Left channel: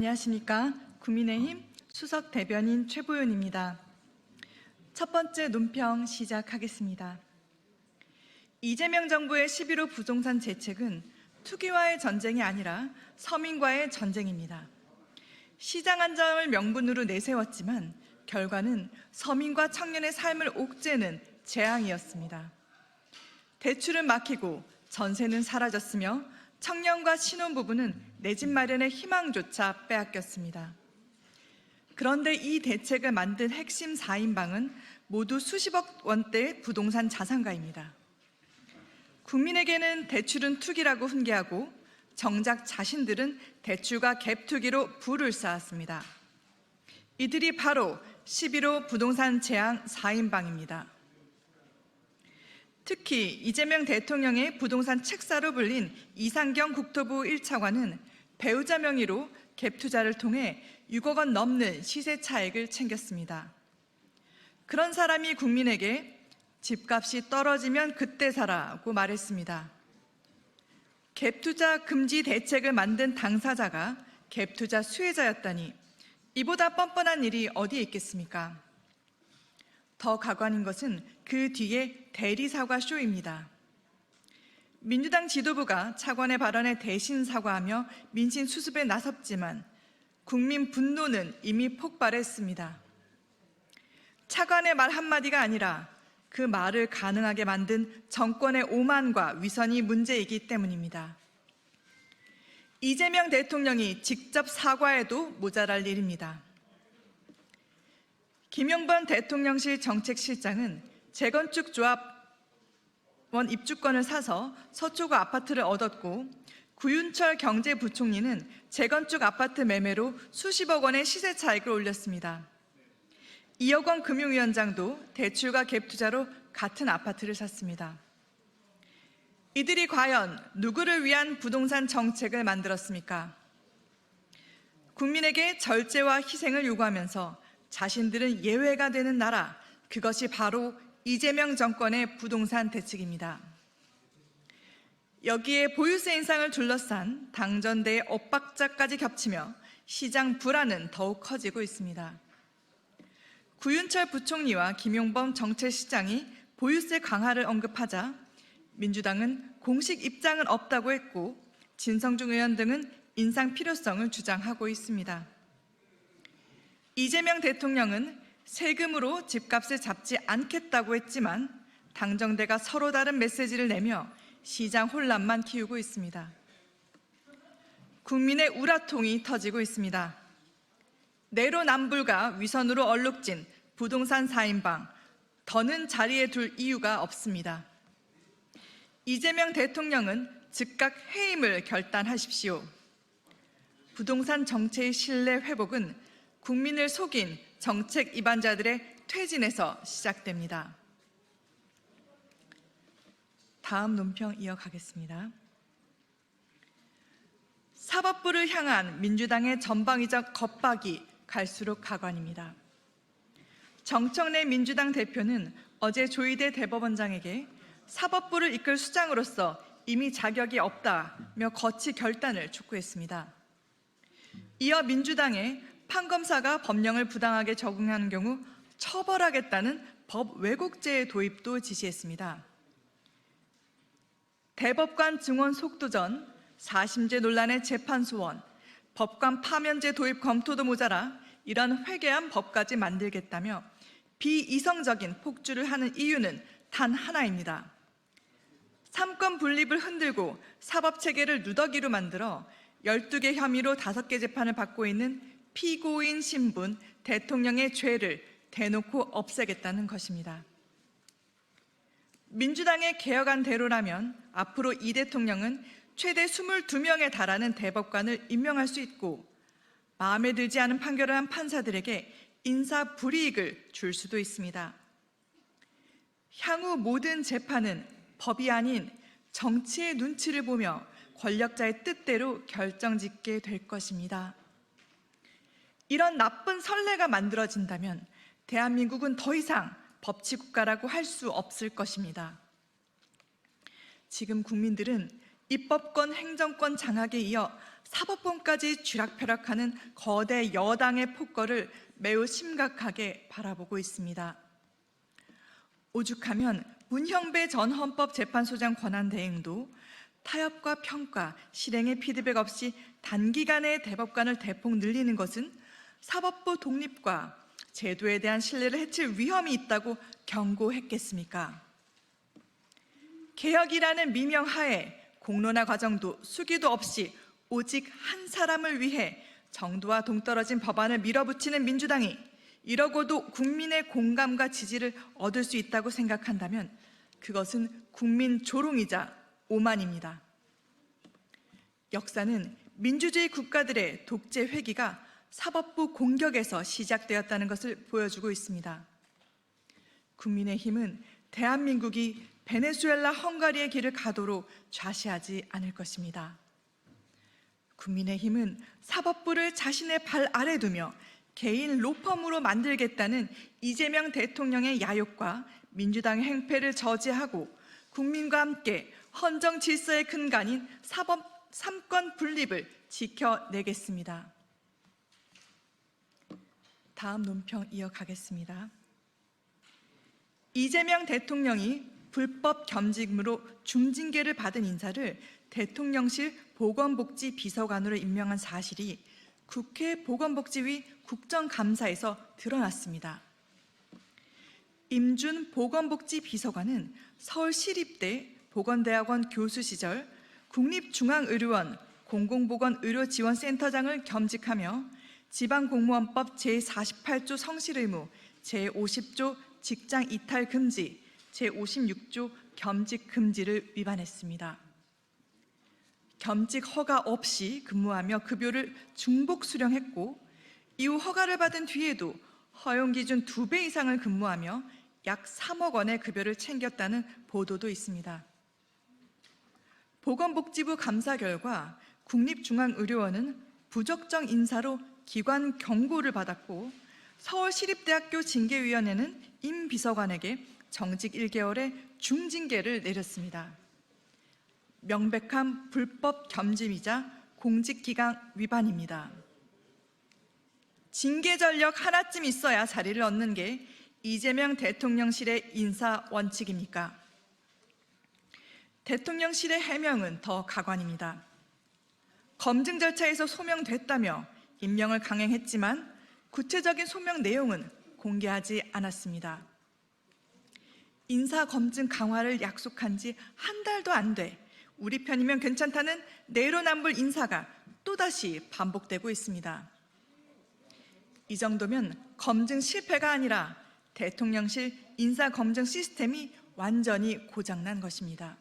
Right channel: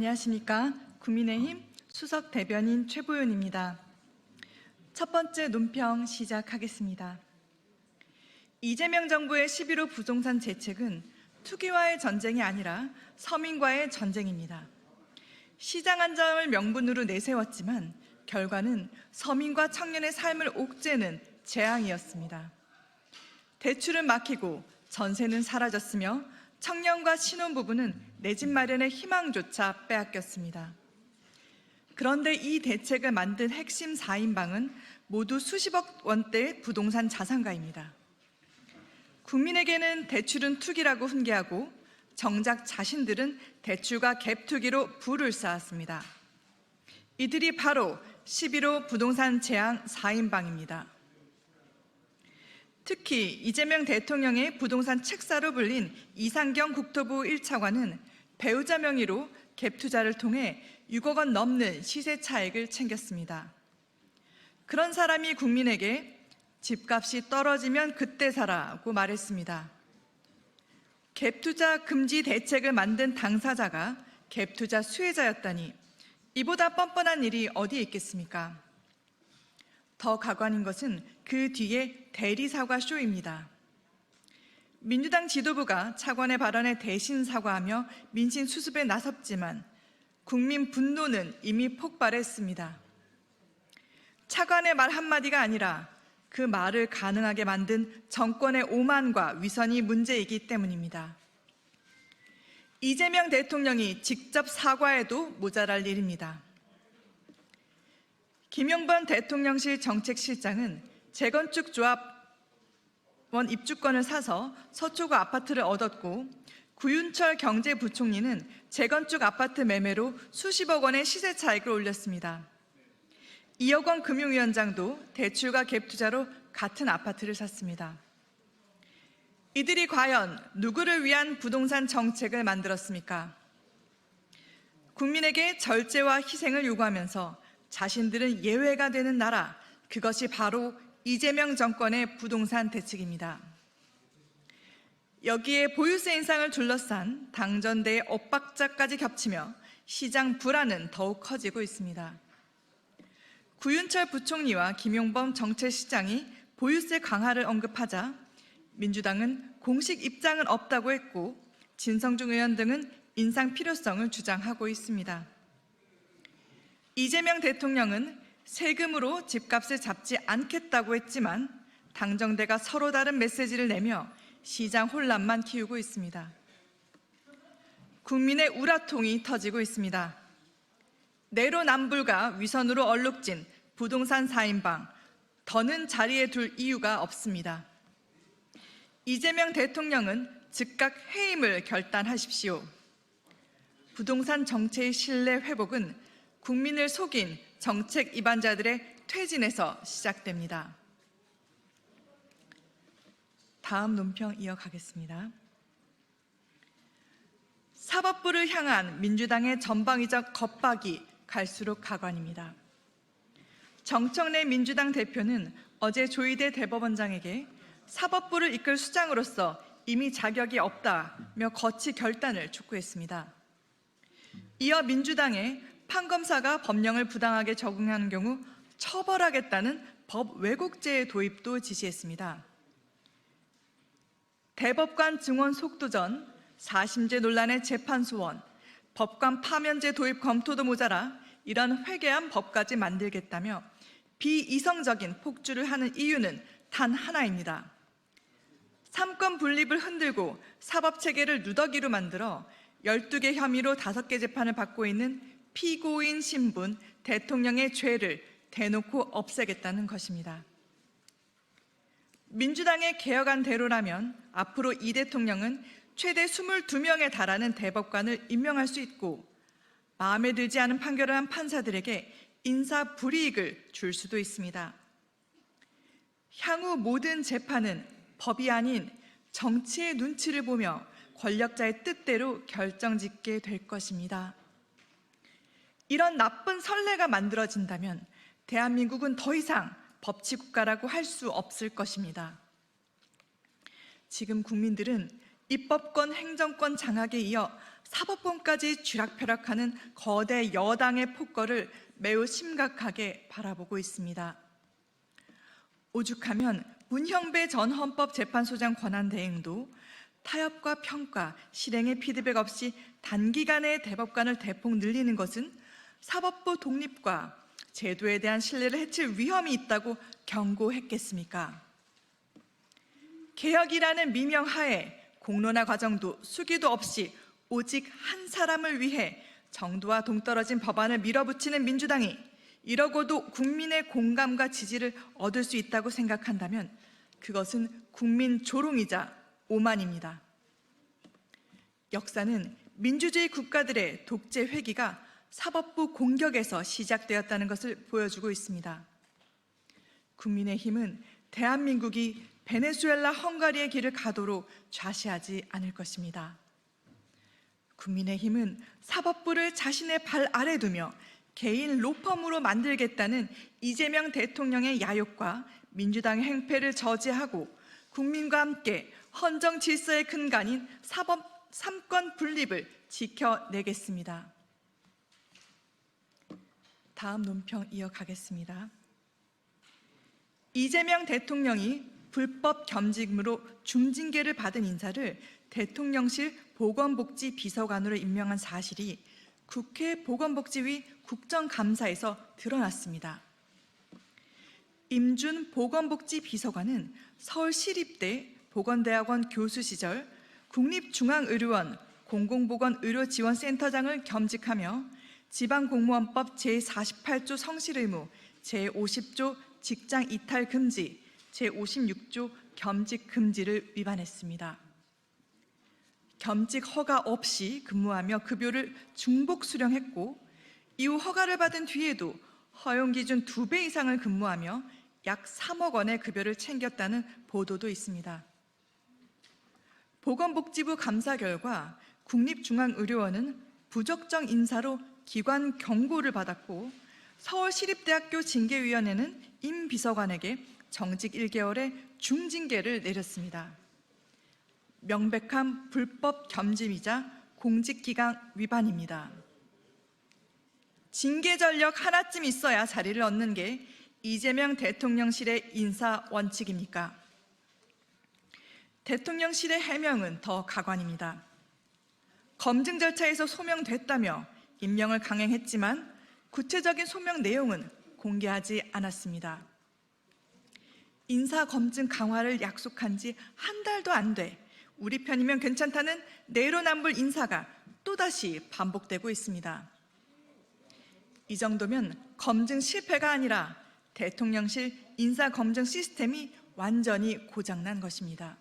안녕하십니까. 국민의힘 수석 대변인 최보윤입니다. 첫 번째 논평 시작하겠습니다. 이재명 정부의 11.5 부동산 대책은 투기와의 전쟁이 아니라 서민과의 전쟁입니다. 시장 안정을 명분으로 내세웠지만 결과는 서민과 청년의 삶을 옥죄는 재앙이었습니다. 대출은 막히고 전세는 사라졌으며 청년과 신혼부부는 내 집 마련의 희망조차 빼앗겼습니다. 그런데 이 대책을 만든 핵심 4인방은 모두 수십억 원대의 부동산 자산가입니다. 국민에게는 대출은 투기라고 훈계하고 정작 자신들은 대출과 갭투기로 부를 쌓았습니다. 이들이 바로 11.5 부동산 재앙 4인방입니다. 특히 이재명 대통령의 부동산 책사로 불린 이상경 국토부 1차관은 배우자 명의로 갭투자를 통해 6억 원 넘는 시세 차익을 챙겼습니다. 그런 사람이 국민에게 집값이 떨어지면 그때 사라고 말했습니다. 갭투자 금지 대책을 만든 당사자가 갭투자 수혜자였다니 이보다 뻔뻔한 일이 어디에 있겠습니까? 더 가관인 것은 그 뒤에 대리사과 쇼입니다. 민주당 지도부가 차관의 발언에 대신 사과하며 민심 수습에 나섰지만 국민 분노는 이미 폭발했습니다. 차관의 말 한마디가 아니라 그 말을 가능하게 만든 정권의 오만과 위선이 문제이기 때문입니다. 이재명 대통령이 직접 사과해도 모자랄 일입니다. 김용범 대통령실 정책실장은 재건축 조합원 입주권을 사서 서초구 아파트를 얻었고 구윤철 경제부총리는 재건축 아파트 매매로 수십억 원의 시세 차익을 올렸습니다. 이혁원 금융위원장도 대출과 갭투자로 같은 아파트를 샀습니다. 이들이 과연 누구를 위한 부동산 정책을 만들었습니까? 국민에게 절제와 희생을 요구하면서 자신들은 예외가 되는 나라, 그것이 바로 이재명 정권의 부동산 대책입니다. 여기에 보유세 인상을 둘러싼 당전대의 엇박자까지 겹치며 시장 불안은 더욱 커지고 있습니다. 구윤철 부총리와 김용범 정책실장이 보유세 강화를 언급하자 민주당은 공식 입장은 없다고 했고 진성중 의원 등은 인상 필요성을 주장하고 있습니다. 이재명 대통령은 세금으로 집값을 잡지 않겠다고 했지만 당정대가 서로 다른 메시지를 내며 시장 혼란만 키우고 있습니다. 국민의 우라통이 터지고 있습니다. 내로남불과 위선으로 얼룩진 부동산 4인방, 더는 자리에 둘 이유가 없습니다. 이재명 대통령은 즉각 해임을 결단하십시오. 부동산 정체의 신뢰 회복은 국민을 속인 정책 위반자들의 퇴진에서 시작됩니다. 다음 논평 이어가겠습니다. 사법부를 향한 민주당의 전방위적 겁박이 갈수록 가관입니다. 정청래 민주당 대표는 어제 조희대 대법원장에게 사법부를 이끌 수장으로서 이미 자격이 없다며 거치 결단을 촉구했습니다. 이어 민주당의 판검사가 법령을 부당하게 적용하는 경우 처벌하겠다는 법 왜곡죄의 도입도 지시했습니다. 대법관 증원 속도전, 4심제 논란의 재판 소원, 법관 파면제 도입 검토도 모자라 이런 회개한 법까지 만들겠다며 비이성적인 폭주를 하는 이유는 단 하나입니다. 삼권 분립을 흔들고 사법체계를 누더기로 만들어 12개 혐의로 5개 재판을 받고 있는 피고인 신분 대통령의 죄를 대놓고 없애겠다는 것입니다. 민주당의 개혁안대로라면 앞으로 이 대통령은 최대 22명에 달하는 대법관을 임명할 수 있고 마음에 들지 않은 판결을 한 판사들에게 인사불이익을 줄 수도 있습니다. 향후 모든 재판은 법이 아닌 정치의 눈치를 보며 권력자의 뜻대로 결정짓게 될 것입니다. 이런 나쁜 선례가 만들어진다면 대한민국은 더 이상 법치국가라고 할 수 없을 것입니다. 지금 국민들은 입법권, 행정권 장악에 이어 사법권까지 쥐락펴락하는 거대 여당의 폭거를 매우 심각하게 바라보고 있습니다. 오죽하면 문형배 전 헌법재판소장 권한대행도 타협과 평가, 실행의 피드백 없이 단기간에 대법관을 대폭 늘리는 것은 사법부 독립과 제도에 대한 신뢰를 해칠 위험이 있다고 경고했겠습니까? 개혁이라는 미명 하에 공론화 과정도 수기도 없이 오직 한 사람을 위해 정도와 동떨어진 법안을 밀어붙이는 민주당이 이러고도 국민의 공감과 지지를 얻을 수 있다고 생각한다면 그것은 국민 조롱이자 오만입니다. 역사는 민주주의 국가들의 독재 회귀가 사법부 공격에서 시작되었다는 것을 보여주고 있습니다. 국민의힘은 대한민국이 베네수엘라 헝가리의 길을 가도록 좌시하지 않을 것입니다. 국민의힘은 사법부를 자신의 발 아래 두며 개인 로펌으로 만들겠다는 이재명 대통령의 야욕과 민주당의 행패를 저지하고 국민과 함께 헌정 질서의 근간인 사법 삼권 분립을 지켜내겠습니다. 다음 논평 이어가겠습니다. 이재명 대통령이 불법 겸직으로 중징계를 받은 인사를 대통령실 보건복지비서관으로 임명한 사실이 국회 보건복지위 국정감사에서 드러났습니다. 임준 보건복지비서관은 서울시립대 보건대학원 교수 시절 국립중앙의료원 공공보건의료지원센터장을 겸직하며 지방공무원법 제48조 성실의무, 제50조 직장이탈금지, 제56조 겸직금지를 위반했습니다. 겸직 허가 없이 근무하며 급여를 중복 수령했고 이후 허가를 받은 뒤에도 허용기준 2배 이상을 근무하며 약 3억 원의 급여를 챙겼다는 보도도 있습니다. 보건복지부 감사 결과 국립중앙의료원은 부적정 인사로 기관 경고를 받았고 서울시립대학교 징계위원회는 임 비서관에게 정직 1개월의 중징계를 내렸습니다. 명백한 불법 겸직이자 공직기강 위반입니다. 징계 전력 하나쯤 있어야 자리를 얻는 게 이재명 대통령실의 인사 원칙입니까? 대통령실의 해명은 더 가관입니다. 검증 절차에서 소명됐다며 임명을 강행했지만 구체적인 소명 내용은 공개하지 않았습니다. 인사검증 강화를 약속한 지 한 달도 안 돼 우리 편이면 괜찮다는 내로남불 인사가 또다시 반복되고 있습니다. 이 정도면 검증 실패가 아니라 대통령실 인사검증 시스템이 완전히 고장난 것입니다.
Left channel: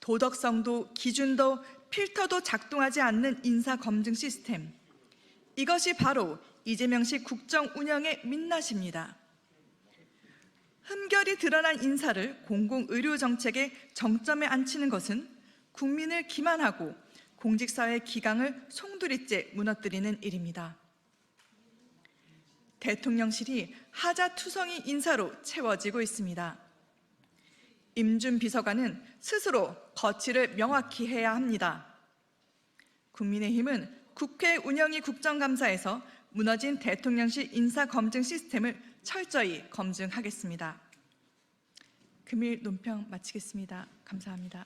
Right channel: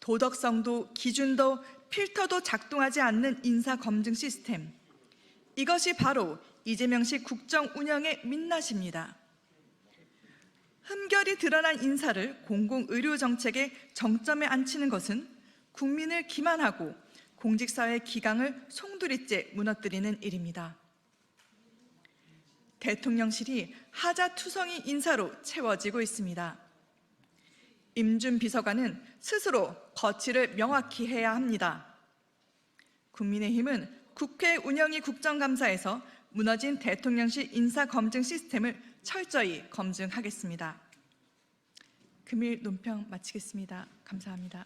도덕성도 기준도 필터도 작동하지 않는 인사검증 시스템. 이것이 바로 이재명식 국정 운영의 민낯입니다. 흠결이 드러난 인사를 공공의료정책의 정점에 앉히는 것은 국민을 기만하고 공직사회의 기강을 송두리째 무너뜨리는 일입니다. 대통령실이 하자투성이 인사로 채워지고 있습니다. 임준 비서관은 스스로 거취를 명확히 해야 합니다. 국민의힘은 국회 운영위 국정감사에서 무너진 대통령실 인사검증 시스템을 철저히 검증하겠습니다. 금일 논평 마치겠습니다. 감사합니다.